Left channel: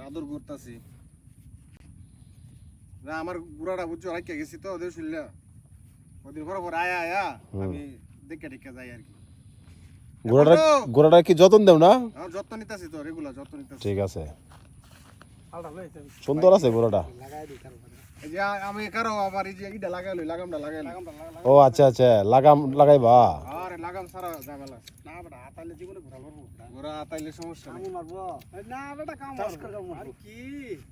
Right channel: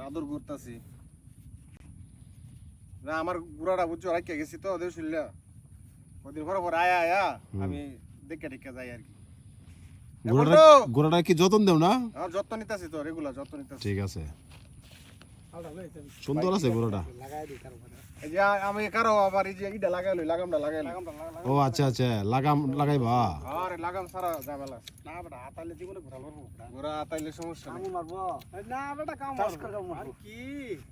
আদর করতেছি না আমার বুড়াটা বুঝছো রাখিয়া গেছি তো ওদের শুনলা ওদিন পর আয়া আয়া আমি দেখে টেকে যাই আর কি গোড়াটা কি যত্ন দেও না? যত্ন নিতেছি তো রেগুলার যত্ন নিতেছি। ঠিক আছে, সুন্দর আছে গোড়াটা। এই যে আমি কারো আবার এই যে ইটা লাগাইলো লাগামটা লাগাইলো। ও আচ্ছা আচ্ছা, লাগাইবা। আরে লাগাম সারা ঝামেলা না বেটা আতাইলে জীবনে ঘোরা মারবো ঘোরা আতাইলে সমস্যা নাই মারবো না বেটা কাম আর কি